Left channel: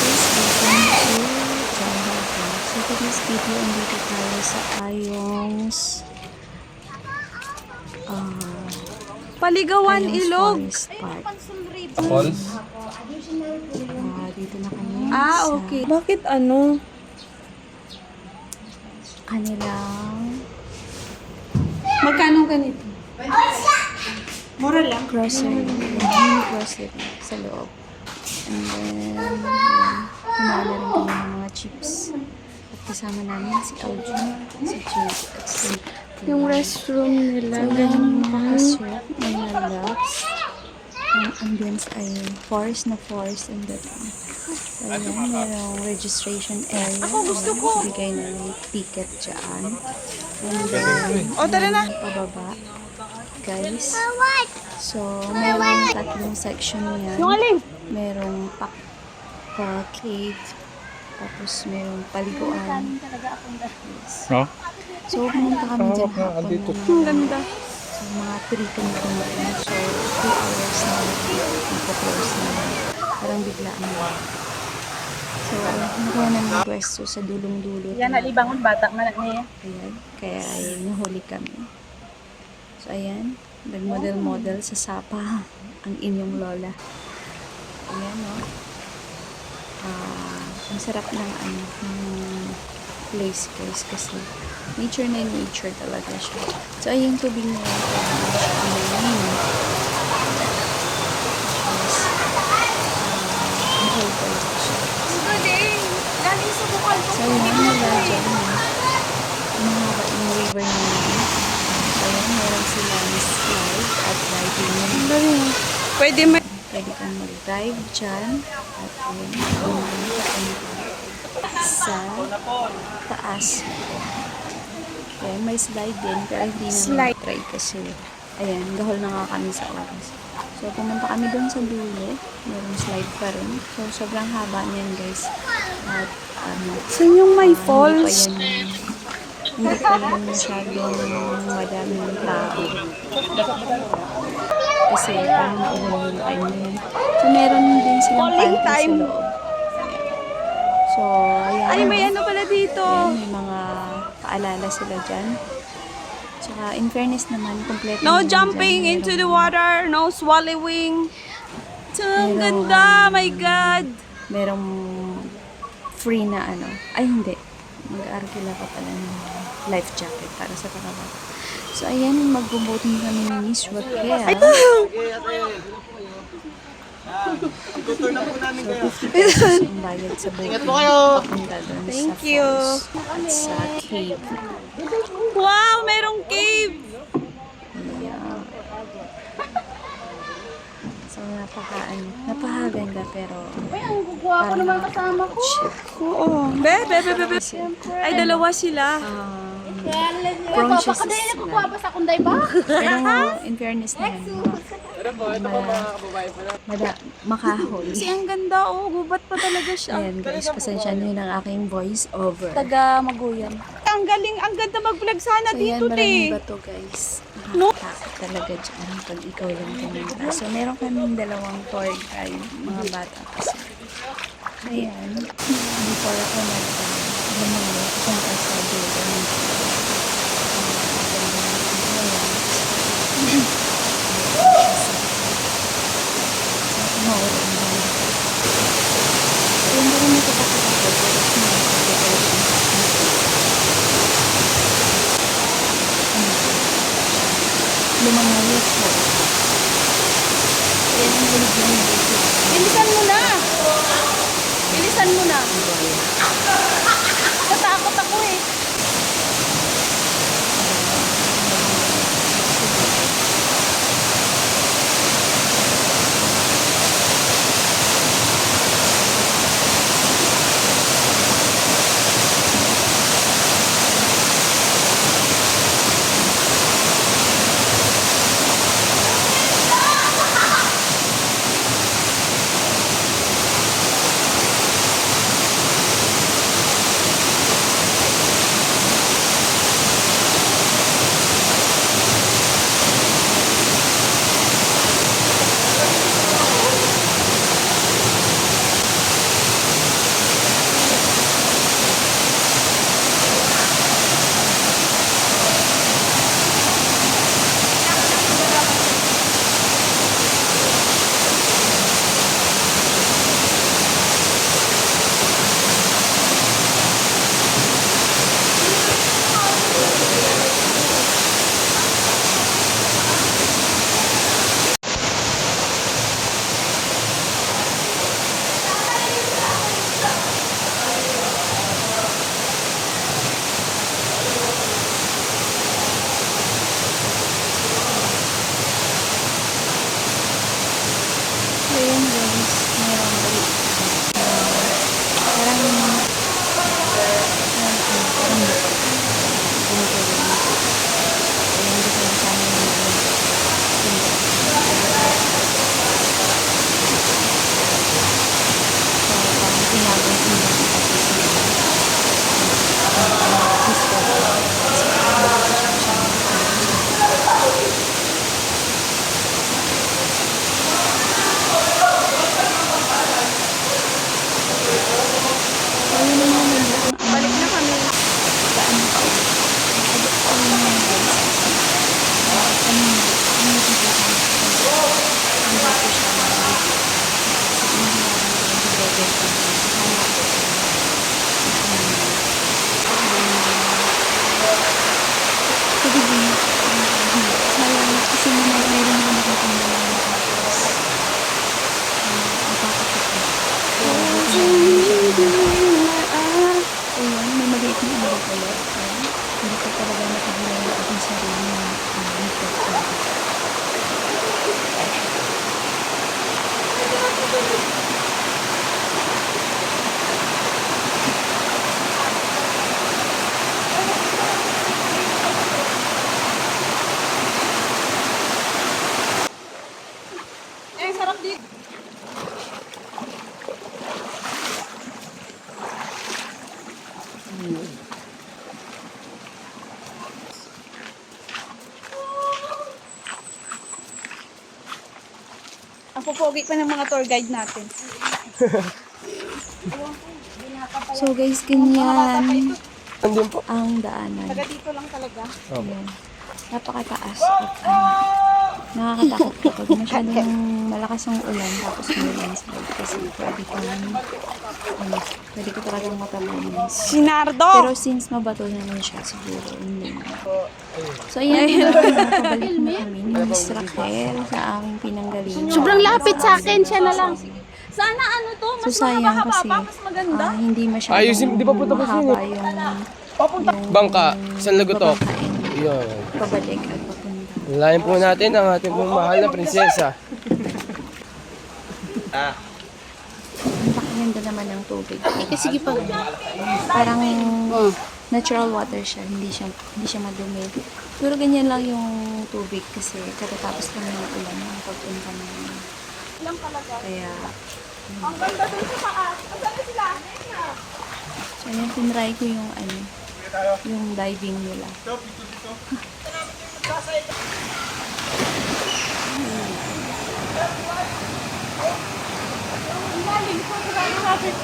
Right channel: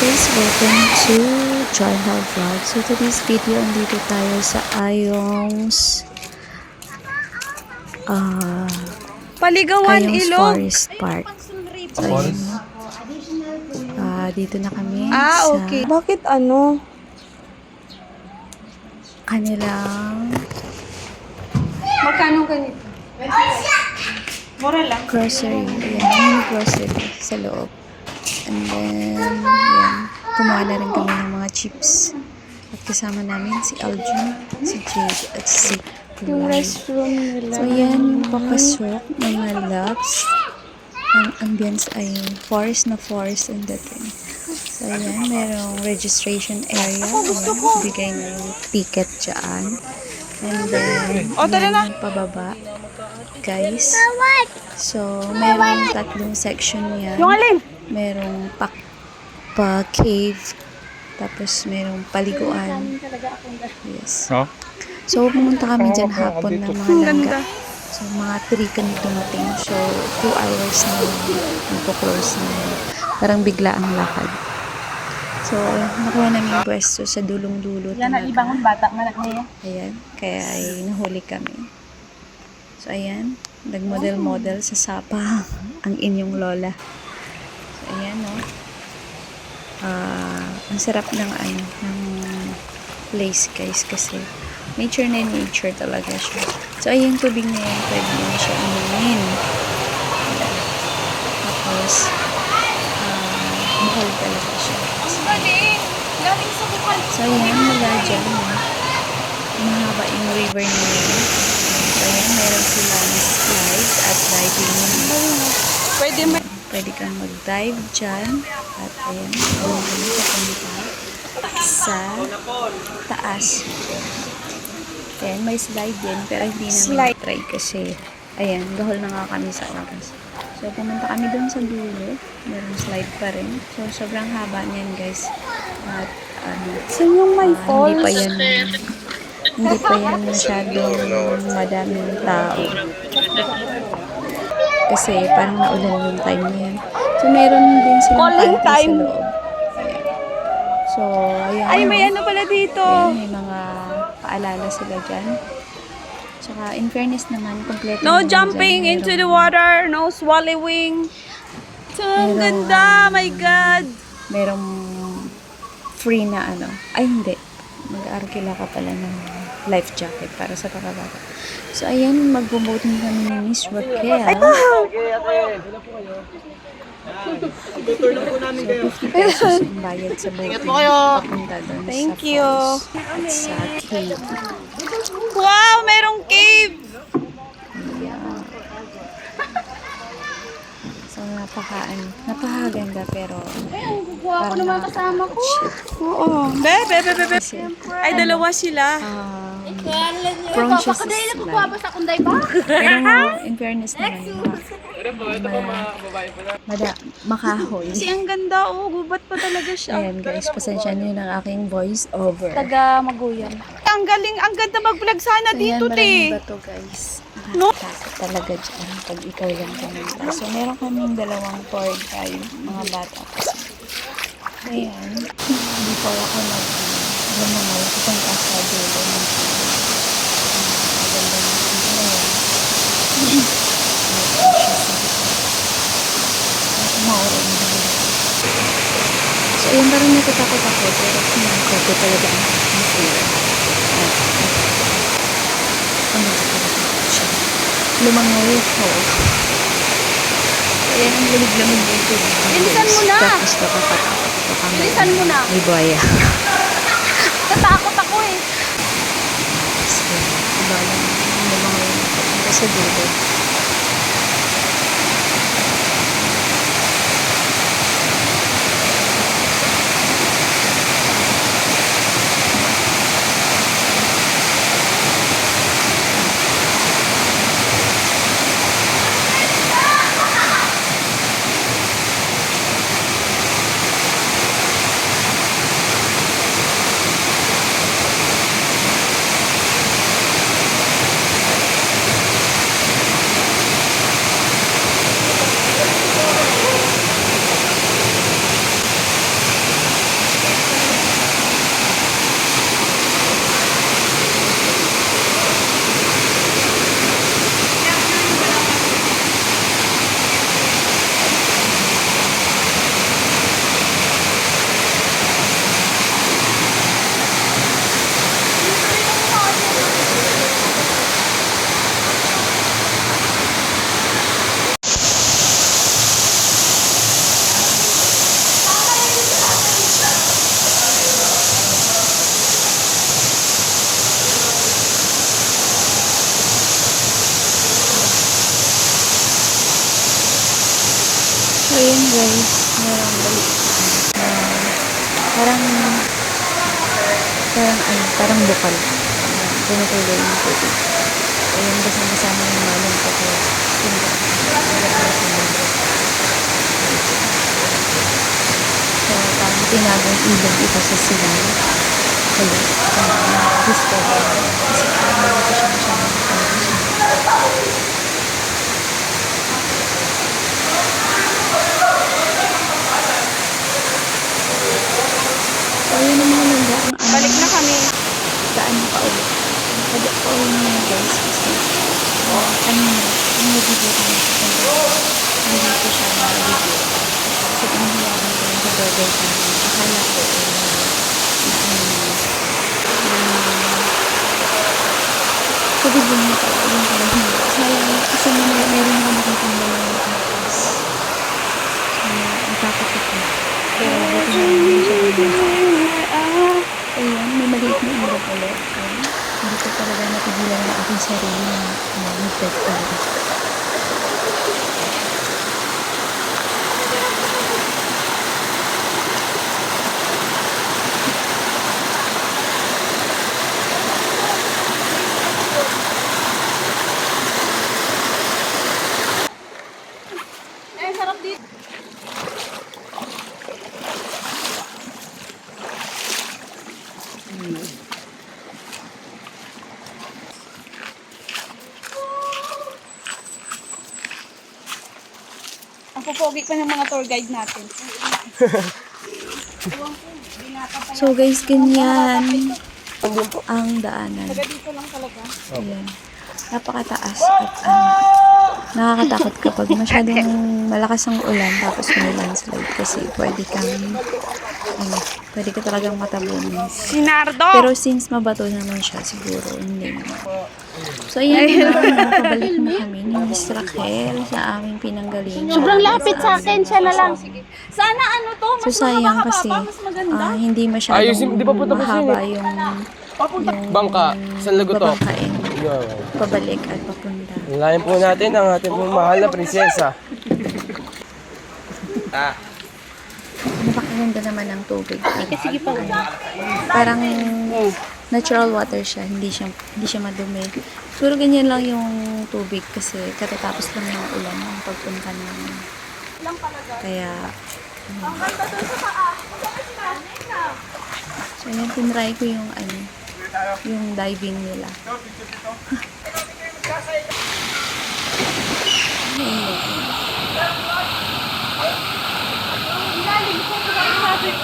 guys, welcome to Joyha Vlog. So today's video, andito tayo sa Ayong's Paligawan, Ayong's Ilog. Forest Park. So ayun, dito na kami Okay. sa Bakit ano? kanilang Magkano ganito? Mura lang. grocery. Ayan, mini grocery sa loob. And then, ayan, kumuha na rin kami ng mga chips. At kasama namin si Aljun, si Jade, at si Yung Kuwan. restroom nila. So, ayan, papasok, mga loves. Ang ambience ay forest na forest ang dating. So, ayan, merong registration area. Ayan, bigay na yung ticket dyan. And then, Tara na. ayan, pababa. Guys. So, merong tatlong section yan. Yung alin? Merong pa-cave. Tapos, merong paliguan. Yes. No? So, pumunta kami dyan hapon ng mga Ang langga. ganda. So, mga 3 kami dumating. So, 2 hours na lang. Magpo-close na lang. Parang bigla ang lakad. So, nakuha namin yung pwesto sa dulong-dulo. Yan, nalibangon bata nga niya. Ayan. Kaya ay nahuli kami. So, ayan. Nag-model-model sa sapa ang inyong lola. So, ayan, no? Ang sarap ng place, guys, kasi nature na nature talaga siya. So, ayun, tubig na yan, pwede mo siya amunin. Tapos, mahal talaga siya. So, ayan, mula dyan, no? Mahaba yung river na yun. So, ayan, meron silang slides at diving. Pwede kang mag-dive dyan. At ayan, doon kami papunta sa taas. Ayan, may slide din. Pero hindi namin try kasi, ayan, gahol na nga kami sa oras. So, pumunta kami doon sa dulo. Merong slide pa rin. So, sobrang haba niyan, guys. At, Yung may hindi falls. pa yan masyadong madaming tao. Kasi parang naulan yung time na yan. So, meron din silang Falling pantry time. sa loob. So, ayan. Ay, may ano pala dito. Ayan, may mga paalala sila dyan. Tsaka, in fairness naman, kompleto No naman jumping dyan. into the water. No swallowing. So, ang Merong- ganda. My God. Merong free na ay hindi, mag-arkila ka pala ng life jacket para sa kakabata. So ayan, mag-boating kami ni Miss Raquel. So 50 pesos yung bayad sa boating papunta doon sa Thank you. falls at sa cave. Wow, merong cave. Yeah. So napakaganda pero parang nakakatakot siya. Oo. Be. Ay, dalawa sila. Prone siya sa slide. Pero in fairness naman, makahoy. Kasi ang ganda, gubat pa talaga siya. Ayan guys, pasensya niyo ng aking voice over. Taga Maguyan. Ang galing, ang ganda mag-vlog sana So ayan, dito, maraming te. bato guys. No? Nakakatakot talaga dyan pag ikaw lang pumunta. So meron kaming 2 tour guide, mga bata kasi. Ayan, before ako lumangaw, pupunta sa dulo ng maganda ng ayan. Maulan na. So, yun parang natatakot ako, pero sinangkot talaga ang lumangoy ako. So, yan ang lamig-lamig dito. Bilisan mo na! Bilisan mo na. Ay, buhaya. Natakot ako eh. Lumangoy dito sa dulo. parang bukal. Tumutuloy yung tubig. Ayun, gusto mo sa amin yung namin ko kaya tingnan. So, parang tinagong ilog ito sa sila. Gusto ko. Kasi parang malapit na siya ng so, yun ang mga nila. Balik na kami. Daan pa ulit. Kaya pa ulit na yung guys. Kasi, kanina, yung nabibig ko na siya. Hindi ko siya nabibig. Kasi pinahiyakan ko yung sa burger ko. Akala ko tubig din ito. Akala kasi meron ako nakita ng mga ang takot ako. Pero buti na hindi siya ayun, may maliit na ilog ulit. Ayun. Hindi ko talaga napigilan ang aking sarili na nalipot talaga. Ay, sarap dito. Ang pupogi pa ng mga tour guide natin. So guys, ganyan ang daanan. Taga dito lang talaga. Ayan. Napakataas at nakakatakot kapag masyadong malakas ang ulan tapos may landslide kasi pwede ka talagang matabunin. Sinardo! Pero since mabato naman siya, siguro hindi naman. So ayan nakabalik na kami ni Miss Raquel sa aming pinanggalingan. Sobrang lapit sa akin, siya na lang. Sana ano to, mas So sayang kasi mahaba, mas maganda. hindi masyadong di ba punta pa mahaba yung Bangka, San Lagotok. babangkain. Pabalik at papunta. Layan po natin ang ating pong mahal na prinsesa. Napakaganda naman ng tubig. At, sige pa. Parang natural water siya, hindi siya madumi. Pero ganyan lang yung tubig kasi katatapos lang ng ulan ng pagpunta namin. Kaya Ang ganda doon sa taas. Masama sila. so ayan, tinry ko yung yung diving nila. Ilalim ko, kung natin.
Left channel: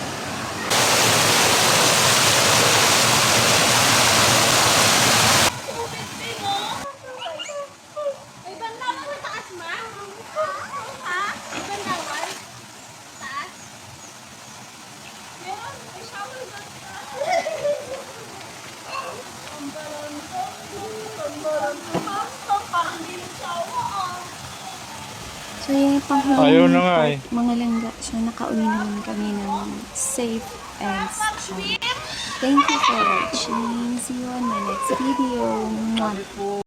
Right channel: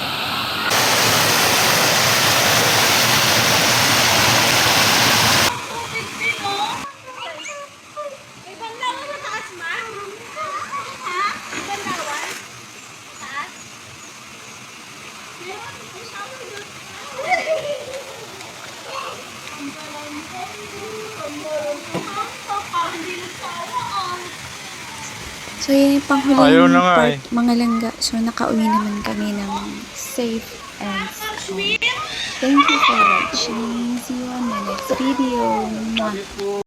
May banlawan sa taas, ma'am. Ha? May banlawan? Taas? So, yan yung Ayaw panghuling na nga part, mga langga. So, nakauwi naman kami ng safe and sound. Thank you for watching. See you on my next video. Mwah.